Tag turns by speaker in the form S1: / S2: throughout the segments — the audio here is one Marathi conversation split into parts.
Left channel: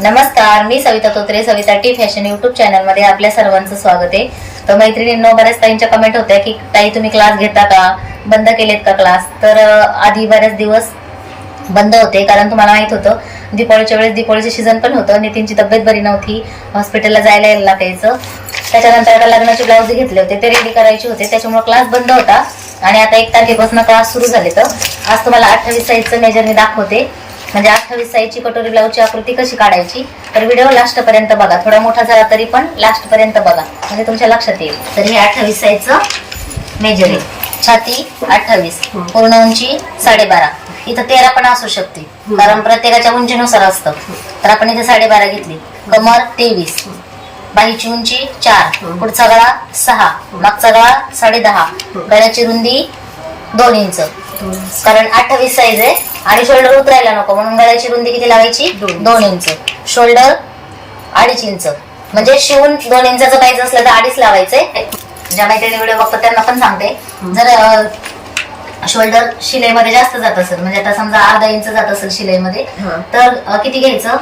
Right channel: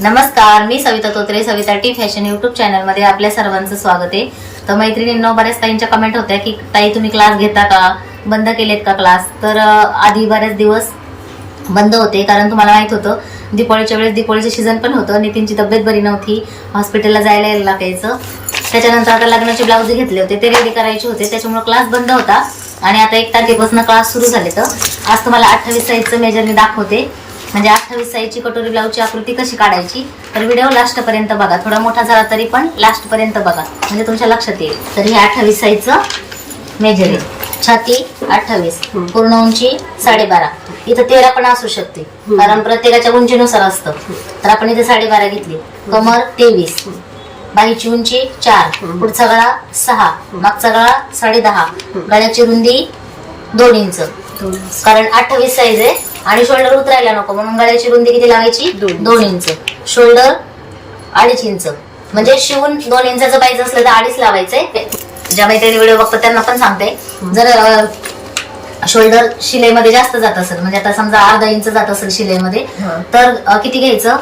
S1: नमस्कार मी Savita Totre Savita T fashion YouTube चॅनलमध्ये आपल्या सर्वांचं स्वागत आहे. तर मैत्रिणींना बऱ्याच ताईंच्या कमेंट होत्या की ताई तुम्ही क्लास घेता का? बंद केलेत का क्लास तर आधी बरेच दिवस बंद होते कारण तुम्हाला माहीत होतं दिपाळीच्या वेळेस दिपाळीचं सीझन पण होतं नितीनची तब्येत बरी नव्हती हॉस्पिटलला जायला यायला लागायचं. त्याच्यानंतर आता लग्नाचे ब्लाऊज घेतले होते ते रेडी करायचे होते त्याच्यामुळे क्लास बंद होता. आणि आता एक तारखेपासून क्लास सुरू झाले तर आज तुम्हाला अठ्ठावीस साईजचं मेजरने दाखवते. म्हणजे अठ्ठावीस साईजची कटोरी ब्लाऊजची आकृती कशी काढायची? तर व्हिडिओ लास्ट पर्यंत बघा. थोडा मोठा झाला तरी पण लास्ट पर्यंत बघा. म्हणजे तुमच्या लक्षात येईल. तर हे अठ्ठावीस साईजचं मेजर आहे. छाती अठ्ठावीस. पूर्ण उंची साडेबारा. इथं तेरा पण असू शकते. कारण प्रत्येकाच्या उंचीनुसार असतं. तर आपण इथे साडेबारा घेतली. कमर तेवीस. बाईची उंची चार. पुढचा गळा सहा. मागचा गळा साडे दहा गळ्याची रुंदी दोन इंच. कारण अठ्ठावीस साईज आहे. आणि शोल्डर उतरायला नको म्हणून गळ्याची रुंदी किती लावायची?
S2: दोन.
S1: इंच. शोल्डर अडीच इंच. म्हणजे शिवून दोन इंचाचं पाहिजे असलं तर अडीच लावायचंय. ज्या मैत्रिणी व्हिडिओ बघतात त्यांना पण सांगते. जर शोल्डर शिलाईमध्ये जास्त जात असेल म्हणजे आता समजा अर्धा इंच जात असेल शिलाईमध्ये. तर किती घ्यायचं?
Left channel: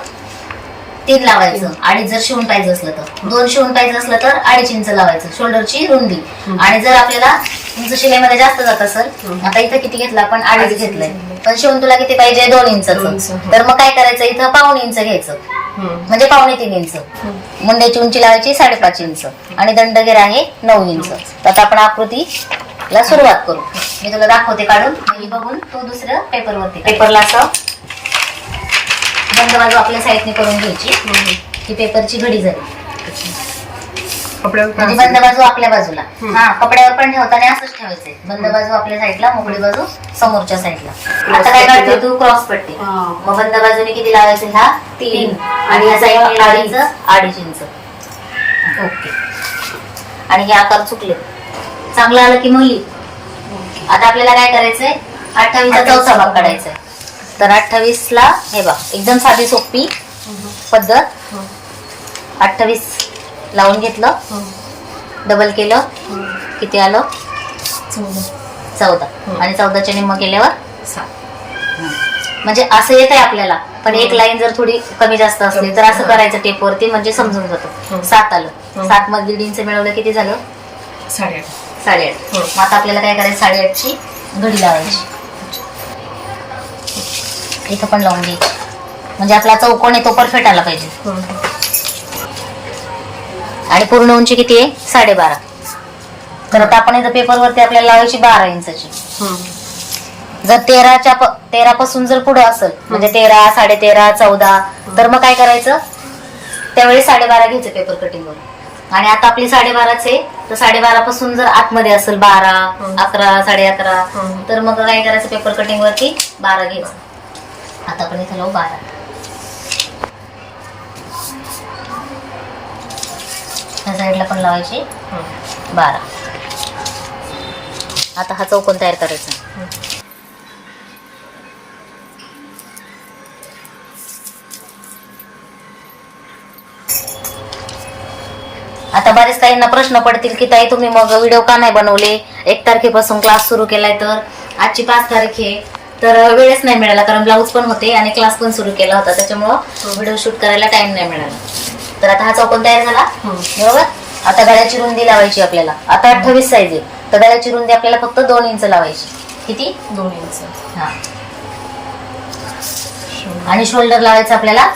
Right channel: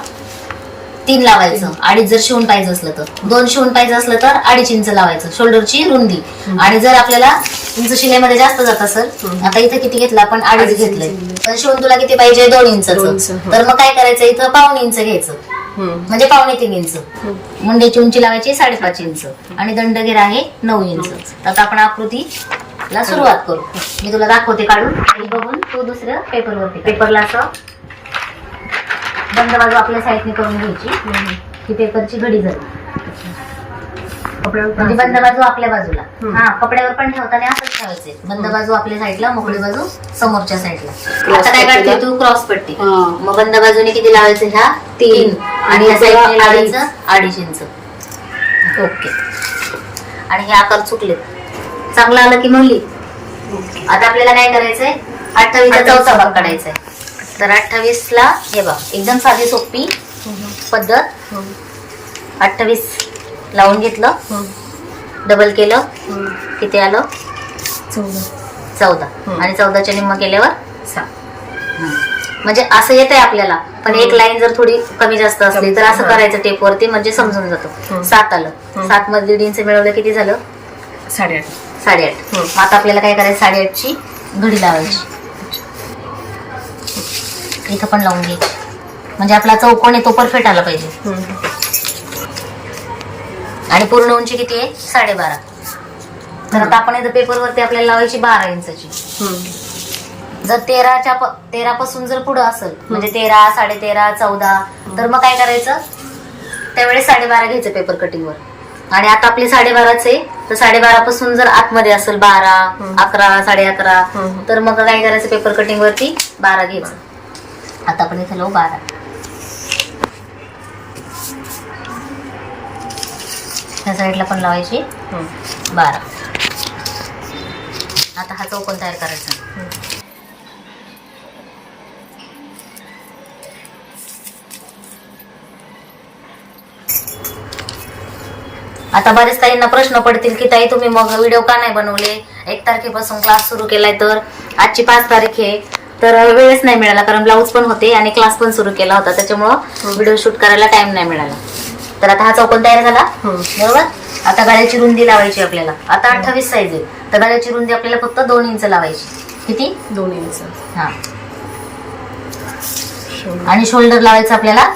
S1: तीन लावायचं. अडीच जर शिवून पाहिजे असलं तर. दोन शिवून पाहिजे असलं तर अडीच इंच लावायचं शोल्डरची रुंदी. आणि जर आपल्याला इंच शिलाईमध्ये जास्त जात
S2: हम्म.
S1: आता इथं किती घेतलं आपण अडीच घेतलंय.
S2: घेतलंय.
S1: पण शिवून तुला किती पाहिजे? दोन
S2: दोन
S1: इंच
S2: हो.
S1: तर मग काय करायचं? इथं पाऊण इंच घ्यायचं. म्हणजे पावणे तीन इंच. मुंड्याची उंची लावायची साडेपाच इंच. आणि दंडगेर आहे नऊ इंच. तर आता आपण आकृतीला सुरुवात करू. मी तुला दाखवते काढून. आणि बघून तो दुसऱ्या पेपरवरती पेपरला असं? बंद बाजू आपल्या साईडने करून घ्यायची. ही पेपरची घडी झाली. म्हणजे बंद बाजू आपल्या बाजूला. हा कपड्यावर पण ठेवताना असंच ठेवायचंय बंद बाजू आपल्या साईडला मोकळी बाजू समोरच्या साईडला. आता काय काढते तू? क्रॉस पट्टी. मग बंद बाजूने किती लावायचं? ह्या
S2: तीन.
S1: आणि ह्या साईडने लावायचं अडीच इंच. ओके. आणि हे आकार चुकले. चांगलं आलं की मग लिह. आता आपल्याला काय करायचंय? अठ्ठावीसचा चौथा भाग काढायचा आहे तर अठ्ठावीस ला हे बघ एकदम साधी सोपी पद्धत. अठ्ठावीस. लावून घेतलं. डबल केलं. किती आलं? चौदा.
S2: हम्म.
S1: आणि चौदाच्या निम्म केल्यावर म्हणजे असं येत आहे आपल्याला. पण एक लाईन जर थोडी कमी जास्त असली तर असं. करायचं टेप वरती म्हणजे समजून जातं. सात आलं. सात मध्ये दीड इंच मिळवलं किती झालं?
S2: साडेआठ.
S1: साडेआठ. मग आता आपल्याला काय करायचं? साडेआठची घडी लावायची. इथं पण लावून द्यायची म्हणजे आपला चौकोन आहे तो परफेक्ट आला पाहिजे. आणि पूर्ण उंची किती आहे? साडेबारा. तर आता आपण इथं पेपरवरती आपल्याला लावायची बारा इंचाची. जर तेराच्या तेरा पासून जर पुढे असेल म्हणजे तेरा साडे तेरा चौदा तर मग काय करायचं? त्यावेळी साडेबारा घ्यायचं पेपर कटिंगवर आणि आता आपली साडेबाराच आहे तर साडेबारा पासून जर आतमध्ये असेल बारा. अकरा साडे अकरा. तर मग काय करायचं पेपर कटिंग वरती? बारा घ्यायचं. आता आपण इथं लावू बारा. ह्या साईडला पण लावायची. बारा. आता हा चौकोन तयार करायचा. आता बरेच ताईंना प्रश्न पडतील की ताई तुम्ही मग व्हिडिओ का नाही बनवले? एक तारखेपासून क्लास सुरू केलाय तर आजची पाच तारीख आहे. तर वेळच नाही मिळाला कारण ब्लाऊज पण होते आणि क्लास पण सुरू केला होता. त्याच्यामुळं व्हिडिओ शूट करायला टाइम नाही मिळाला. तर आता हा चौकोन तयार झाला. बरोबर? आता गळ्याची रुंदी लावायची आपल्याला. आता अठ्ठावीस साईज आहे. तर गळ्याची रुंदी आपल्याला फक्त दोन इंच लावायची. किती?
S2: दोन इंच.
S1: हा. आणि शोल्डर लावायचं आपल्याला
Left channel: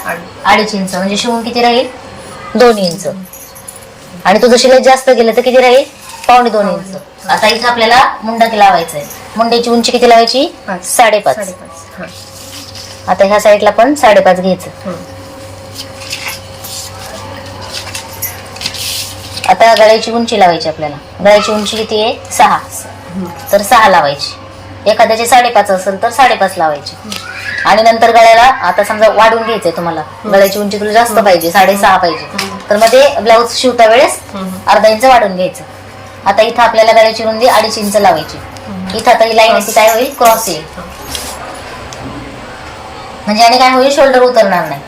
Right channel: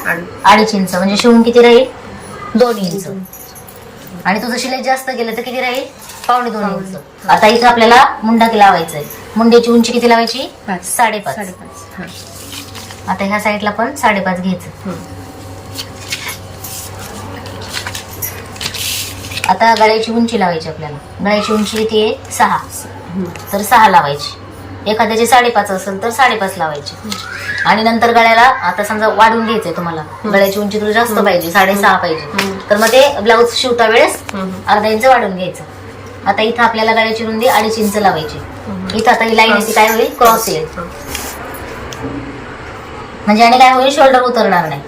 S1: अडीच. इंच. म्हणजे शिवून किती राहील? दोन इंच. आणि तुझं शिलाई जास्त गेलं तर किती राहील? पावणे दोन इंच. आता इथं आपल्याला मुंडा लावायचा आहे मुंड्याची उंची किती लावायची?
S2: पाच.
S1: साडेपाच.
S2: हा.
S1: आता ह्या साईडला पण साडेपाच घ्यायचं. आता गळ्याची उंची लावायची आपल्याला गळ्याची उंची किती आहे सहा. तर सहा लावायची एखाद्याची साडेपाच असेल तर साडेपाच लावायची आणि नंतर गळ्याला आता समजा वाढून घ्यायचंय तुम्हाला गळ्याची उंची तुला जास्त पाहिजे साडेसहा पाहिजे. तर मग ते ब्लाऊज शिवता वेळेस. अर्धा इंच वाढून घ्यायचं आता इथं आपल्याला गळ्याची रुंदी अडीच इंच लावायची. इथं आता ही लाईन आहे ती काय होईल क्रॉस येईल. म्हणजे आणि काय होईल शोल्डर उतरणार नाही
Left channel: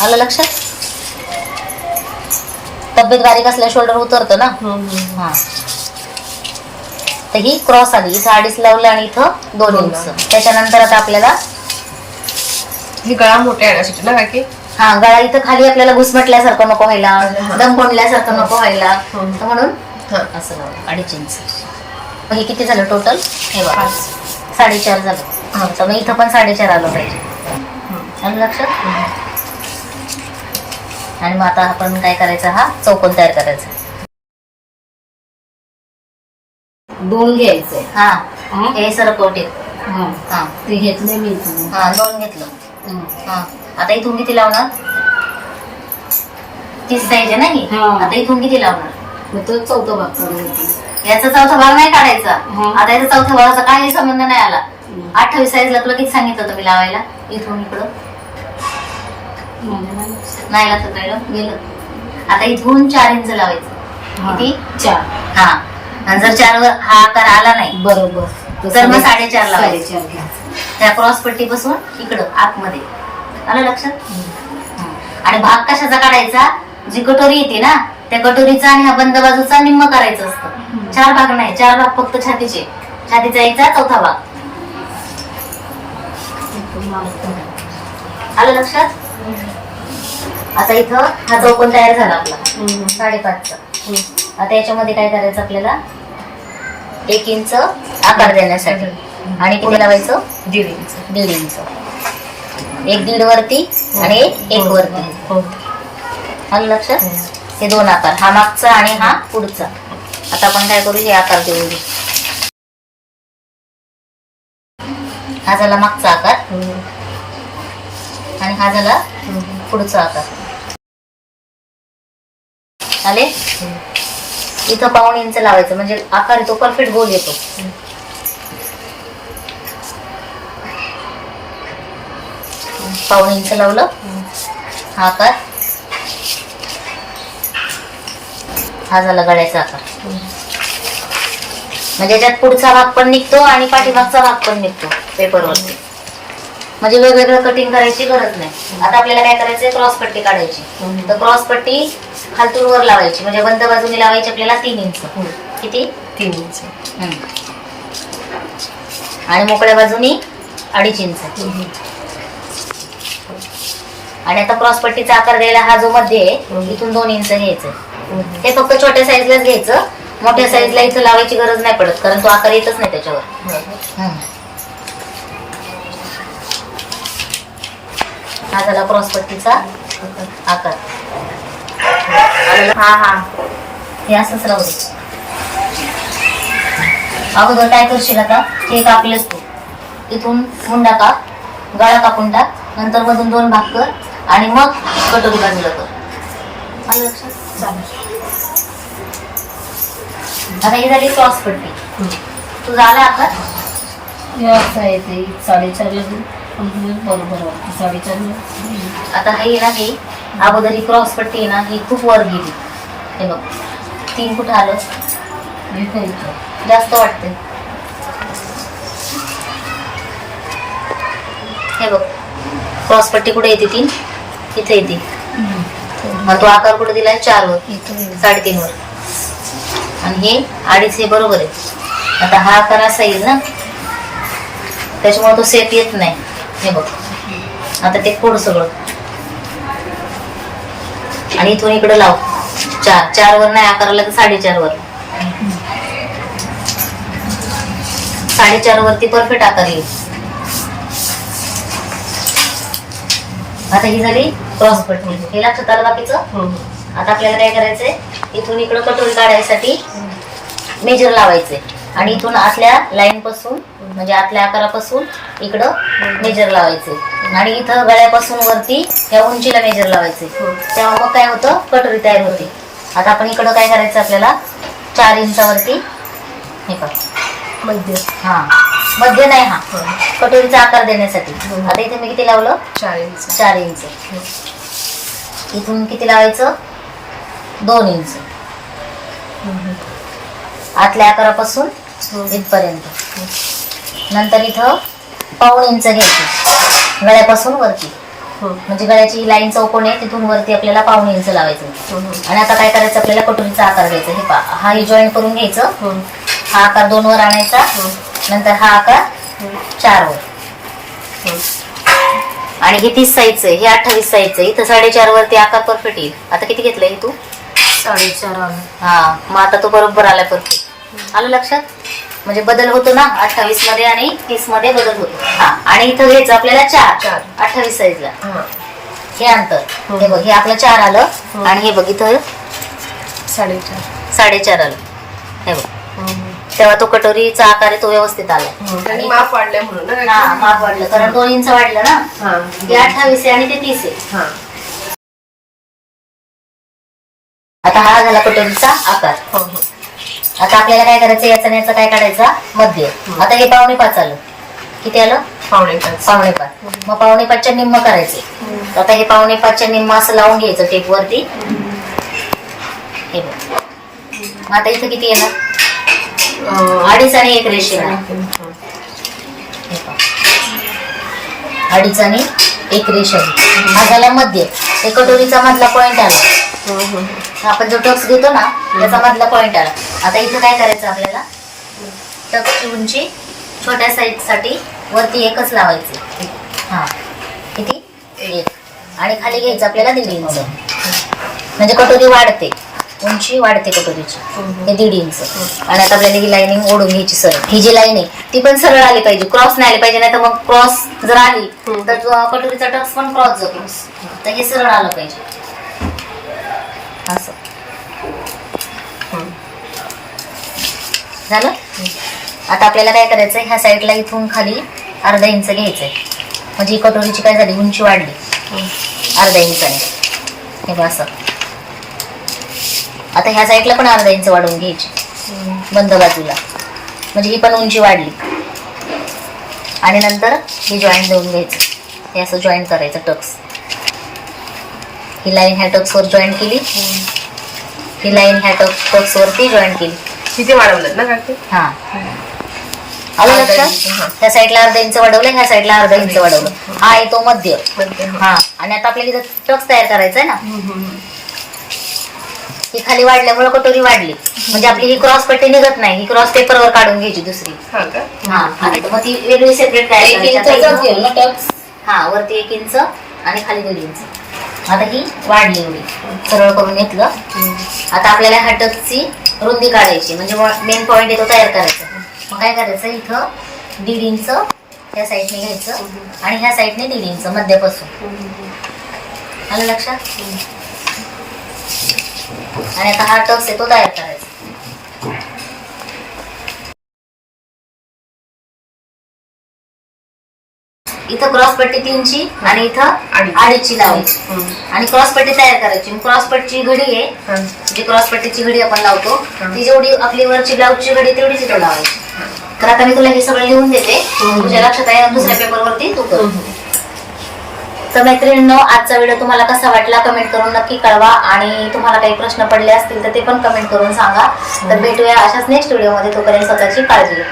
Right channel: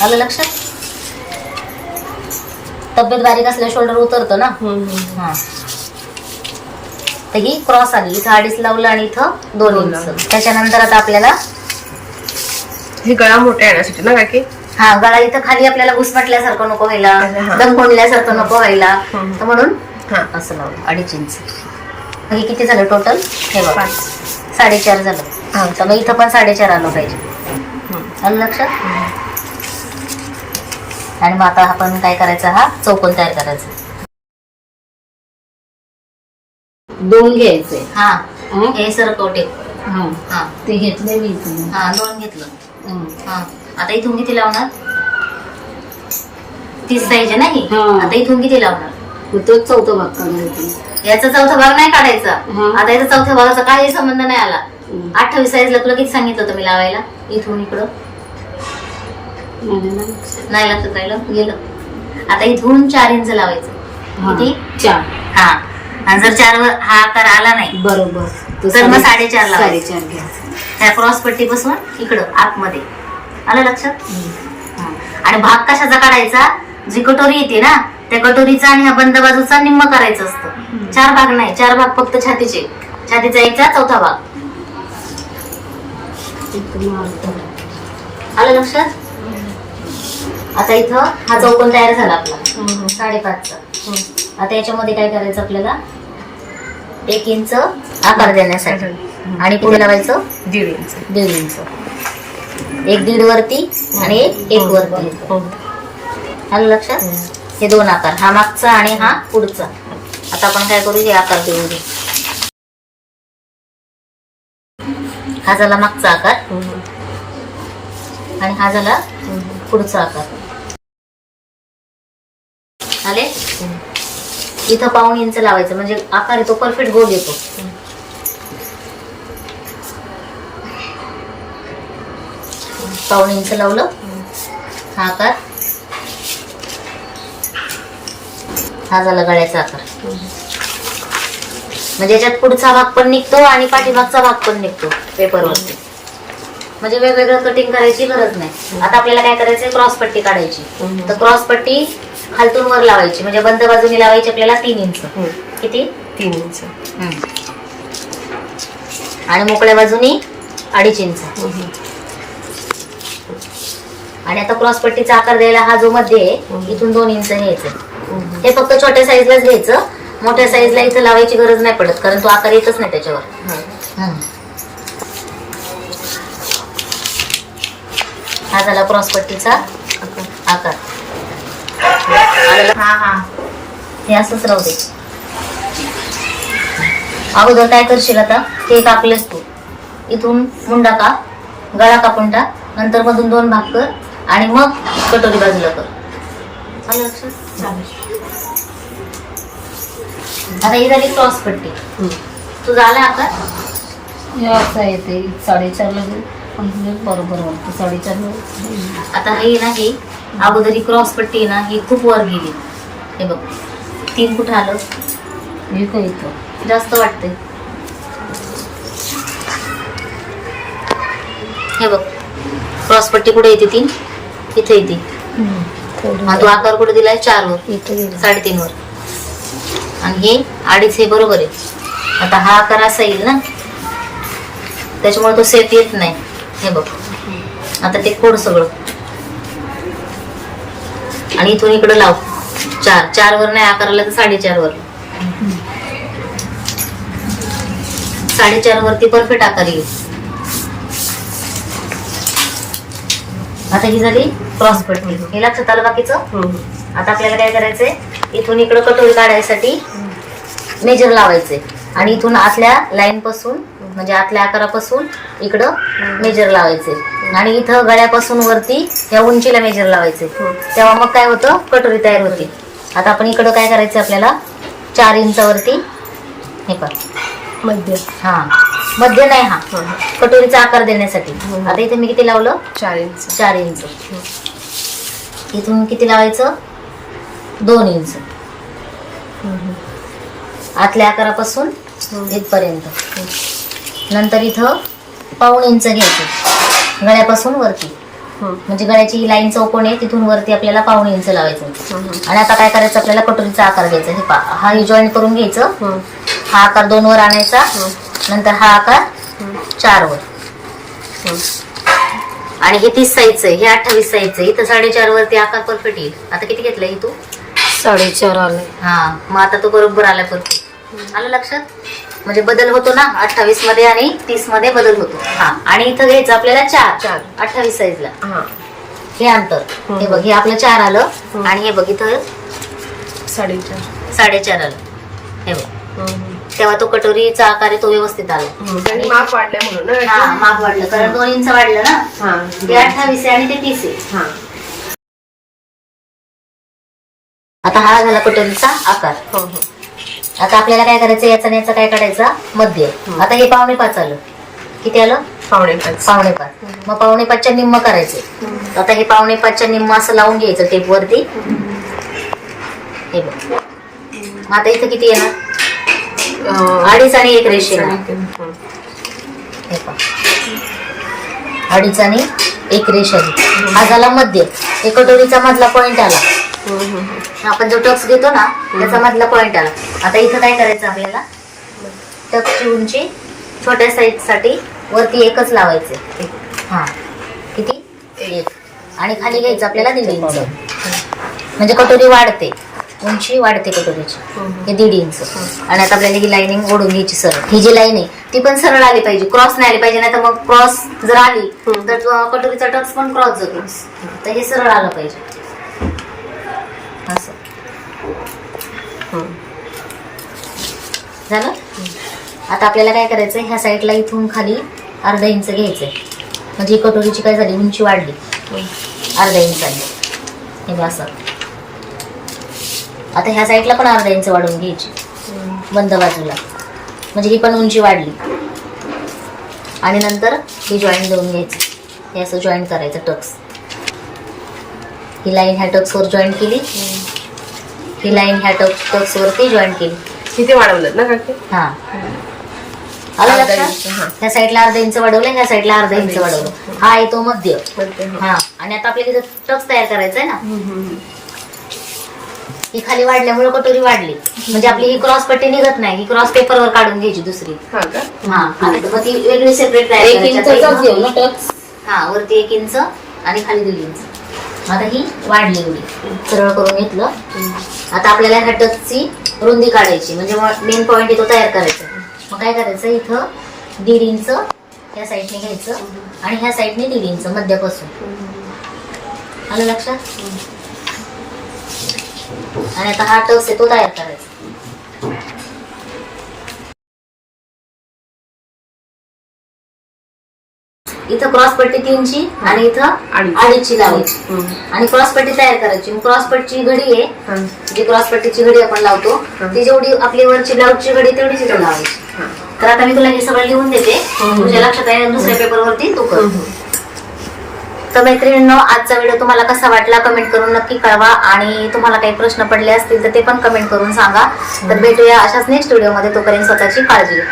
S1: आलं लक्षात तब्येत बारीक असल्या शोल्डर उतरतं ना. हा. तर ही क्रॉस आली. इथं अडीच लावलं आणि इथं दोन इंच. त्याच्यानंतर आता आपल्याला
S2: हे गळा मोठा येण्यासाठी ना काकी
S1: हा गळा इथं खाली आपल्याला घुसमटल्यासारखं नको व्हायला. दम कोंडल्यासारखं नको व्हायला. तर म्हणून
S2: हा.
S1: असं लावलं. अडीच इंच मग हे किती झालं टोटल हे बघा. साडेचार झालं.
S2: हा.
S1: तर मग इथं पण साडेचार आलं पाहिजे. आलं लक्षात? आणि मग आता आपण काय करायचं? हा चौकोन तयार करायचा.
S3: दोन घ्यायचे.
S1: हा.
S3: हं?
S1: हे सरकवटे
S3: हा.
S1: हा.
S3: ते घेतले मी.
S1: हा दोन घेतलं.
S3: हं.
S1: हा. आता इथून किती लावणार. तीस आहे ना ही?
S3: हा.
S1: आता इथून किती लावणार.
S3: मग तोच चौथा भाग
S1: याचा चौथा भाग नाही काढायचा.
S3: हा.
S1: आता याचा चौथा भागाचा काही संबंध नाही आला.
S3: हं.
S1: अठ्ठावीस साईजला तुला किती सांगितलं होतं मी लावायला? इथून इकडं
S3: नाही लक्षात
S1: राहिलं गेलं. आता इथून चार इंच लावायचं.
S3: हा.
S1: किती?
S3: चार.
S1: हा. आणि जर चार वर हा आकार आला नाही
S3: बरोबर. तो
S1: तर मग
S3: साडे-
S1: साडेचार लावायचे. त्या क्रॉस पट्टीपासून इकडं आतमध्ये. आलं लक्षात. आणि भाग कशाचा काढायचा? जी कटोरी येते ना त्या कटोरीचा आणि ह्या बंद बाजूचा निम्म करायचं असतं. चार भाग नाही चार भाग फक्त छातीचे. छातीचा एकचा चौथा भाग. आलं लक्षात? आता इथं हा चौकोन तयार झाला आपला.
S3: हं.
S1: साडेपाचचा.
S3: हं.
S1: आता याच्यामध्ये काय करायचं आपल्याला? एक इंच आकार देण्यासाठी. आणि पुढे लावायचं?
S2: दीड इंच.
S1: दीड इंच. एक दीड वरती आणि एक एक वरती.
S2: हो.
S1: आलं लक्षात? हे. दोन आकार हा मागचा आणि हा पुढचा. आता आपण काय करू? हे आकार देऊ. दे. हा झाला मागचा आकार. आणि हा झाला. पुढचा आकार. आले? इथं पाऊण इंच लावायचं म्हणजे आकार येतो परफेक्ट गोल येतो. पाऊण इंच लावलं हा आकार. हा झाला गळ्याचा आकार. म्हणजे याच्यात पुढचा भाग पण निघतो आणि पाठीमागचा भाग पण निघतो पेपरवरती. म्हणजे वेगवेगळं कटिंग करायची गरज नाही. आता आपल्याला काय करायचंय? क्रॉस पट्टी काढायची. तर क्रॉस पट्टी खालतून वर लावायची म्हणजे बंद बाजूनी लावायची आपल्याला तीन इंच. किती
S2: तीन इंच.
S1: आणि मोकळ्या बाजूनी अडीच इंच. आणि आता क्रॉस पट्टीचा आकार द्यायला हा जो मध्ये आहे. इथून दोन इंच घ्यायचं. हे फक्त छोट्या साईजलाच घ्यायचं मोठ्या साईजला इथं लावायची गरज नाही पडत कारण तो आकार येतच नाही त्याच्यावर
S2: हा.
S1: झाला क्रॉस पट्टीचा. आकार?
S2: हा हा.
S1: हे असंच राहू दे. अगोदर काय करशील आता? हे कापलेस तू. इथून मुंडा काप गळा कापून टाक नंतर मधून दोन भाग कर आणि मग कटोरी बाजूला कर. आलं लक्षात?
S3: चालेल.
S1: आता ही झाली क्रॉस पट्टी. तुझा आला आकार?
S3: साडेचार लागेल बरोबर वाटतं.
S1: आता ही ना ही अगोदर ही क्रॉस पट्टी ना ही खूप वर गेली. हे बघ तीन कुठं आलं.
S3: इथं?
S1: जास्त वाटते हे बघ क्रॉस पट्टी कुठे येते तीन इथे येते. तो आकार कुठे दिलाय? चार वर. साडेतीन वर आणि हे अडीच हे बरोबर आहे. आता हा आकार असा येईल ना. त्याच्यामुळे तो सेफ येत नाही. हे बघ. आता ते खोड सगळं. आणि इथून इकडे लाव. चार. चार वर नाही आकाराला तर साडेचार वर साडेचार वरती परफेक्ट आकार येईल. आता ही झाली क्रॉस पट्टी हे लक्षात आलं बाकीचं?
S2: हम्म.
S1: आता आपल्याला काय करायचंय? इथून इकडं कटोरी काढायसाठी मेजर लावायचे आणि इथून आतल्या लाईन पासून म्हणजे आतल्या आकारापासून इकडं मेजर लावायचे. आणि इथं गळ्यापासून वरती या उंचीला मेजर लावायचे. तेव्हा मग काय होतं? कटोरी तयार होते. आता आपण इकडं काय करायचं आपल्याला? चार इंचावरती हे पहा.
S2: मध्य.
S1: हा. मध्य नाही हा. कटोरीचा आकार देण्यासाठी. आता इथे मी किती लावलं?
S2: चार इंच.
S1: चार इंच. इथून किती लावायचं? दोन इंच. आतल्या आकारापासून. इथपर्यंत. नंतर इथं पाऊण इंच घ्यायचे. गळ्यापासून वरती.
S2: हम्म.
S1: म्हणजे गळ्याची ही लाईन चौकोन आहे तिथून वरती आपल्याला पाऊण इंच लावायचं
S2: हम्म.
S1: आणि आता काय करायचं आपल्याला कटोरीचा आकार द्यायचा हे पा हा हे जॉईन करून घ्यायचं. हा. आकार दोन वर आणायचा नंतर हा आकार. चार वर. आणि हे तीस साईजचं आहे हे अठ्ठावीस साईजचं आहे. इथं साडेचार वरती आकार परफेक्ट येईल. आता किती घेतलंय हे तू?
S2: साडेचार आले.
S1: हा मग आता तो बरोबर आलाय परफेक्ट. आलं लक्षात? म्हणजे बदल होतो ना अठ्ठावीसमध्ये आणि तीसमध्ये बदल होतो. हा. आणि इथं घ्यायचं आपल्याला चार.
S2: चार.
S1: अठ्ठावीस साईजला.
S2: हा.
S1: हे अंतर. हे बघ हे आपलं चार आलं. आणि हे बघ इथं
S2: साडेचार.
S1: साडेचार आलं. हे बघ. तेव्हा तो कटोरीचा आकार आहे तो व्यवस्थित
S2: हम्म. आणि माप वाढलंय म्हणून
S1: हा? माप वाढलं. कारण दोन इंच वाढलं ना.
S2: हा.
S1: अठ्ठावीस आहे आणि ते तीस आहे.
S2: हा.
S1: आता हा झाला कटोरीचा आकार.
S2: हो हो.
S1: आता आपल्याला काय करायचं याचा आणि याचा काय काढायचा? मध्य. आता हे पावणे पाच आलं. किती आलं?
S2: पावणे पाच.
S1: पावणे पाच. मग पावणे पाचच्या निम्म करायचे. आता हे पावणे पाचच्या निम्म असं लावून घ्यायचं टेप वरती हे बघ. मग आता इथं किती येणार? अडीच आणि एक रेष येणार. हे. अडीच आणि एक रेष. आली हा झाला मध्य. हे कटोरीचा मधला पॉइंट आला. आपण जो टक्स घेतो ना त्याचा मधला पॉइंट आला. आता इथं काय करायचं आपल्याला? टक्सची उंची छोट्या साईजसाठी वरती एकच लावायचे. हा. किती? एक. आणि खाली घ्यायचं आपल्याला दीड इंच म्हणजे कटोरी वाढते. उंची वाढते कटोरीची. हे दीड इंच आणि आता आपल्याला ही लाईनिंग ओढून घ्यायची सरळ. ही जी लाईन आहे ती पण सरळ आली पाहिजे. क्रॉस नाही आली पाहिजे नाही तर मग क्रॉस जर आली. तर तो कटोरीचा टक्स पण क्रॉस जातो तर हे सरळ आलं पाहिजे. असं. झालं? आता आपल्याला काय करायचंय? ह्या साईडला इथून खाली अर्धा इंच घ्यायचंय. म्हणजे ही कटोरीची काय झाली? उंची वाढली. अर्धा इंचाने हे बघ असं. आता ह्या साईडला पण अर्धा इंच वाढवून घ्यायची. बंद बाजूला. म्हणजे ही पण उंची वाढली. आणि नंतर हे जॉईंट देऊन घ्यायचं. हे असं जॉईंट करायचं टक्स. ही लाईन ह्या टक्सवर जॉईंट केली. ही लाईन ह्या टक्स टक्सवरती जॉईंट केली.
S2: किती वाढवलं ना काकी?
S1: हा. आलं
S2: हा.
S1: लक्षात? ह्या साईडला अर्धा इंच वाढवलं ह्या साईडला अर्धा इंच वाढवलं. हा आहे तो मध्य.
S2: मध्ये हा.
S1: हा. आणि आता आपल्याला इथं टक्स तयार करायचा आहे ना?
S2: हम्म, हम्म,
S1: ही खाली वाढल्यामुळे कटोरी वाढली. म्हणजे आपली ही क्रॉस पट्टी निघत नाही. ही क्रॉस पेपरवर काढून घ्यायची दुसरी.
S2: हा का?
S1: हा. आणि मग ती वेगळी सेपरेट तयार
S3: एक
S1: करायची.
S3: इंचाचाच ना टक्स
S1: हा वरती एक इंच आणि खाली दीड इंच आता ही वाढली एवढी. सरळ करून घेतलं. आता आपल्याला ह्या रुंदी काढायची. म्हणजे मेन पॉइंट आहे तो तयार करायचा. मग काय करायचं? इथं दीड इंच ह्या साईडने घ्यायचं आणि ह्या साईडने दीड इंच मध्यापासून. आलं लक्षात? आणि आता हा टक्स आहे तो तयार करायचा. इथं क्रॉस पट्टी तीनची आणि इथं
S2: अडीच.
S1: अडीचची लावायची. आणि क्रॉस पट्टी तयार करायची. क्रॉस पट्टीची घडी आहे.
S2: हा.
S1: जी क्रॉस पट्टीची घडी आपण लावतो. ती जेवढी आपली वरची ब्लाऊजची घडी तेवढीच इथं लावायची. तर आता मी तुला हे सगळं लिहून देते. तुझ्या लक्षात आहे दुसऱ्या पेपरवरती तू कर. तर मैत्रिणींनो आजचा व्हिडिओ तुम्हाला कसा वाटला कमेंट करून नक्की कळवा. आणि तुम्हाला काही प्रश्न पडले असतील तर ते पण कमेंट करून सांगा. तर भेटूया अशाच नेक्स्ट व्हिडिओमध्ये. तोपर्यंत स्वतःची काळजी घ्या.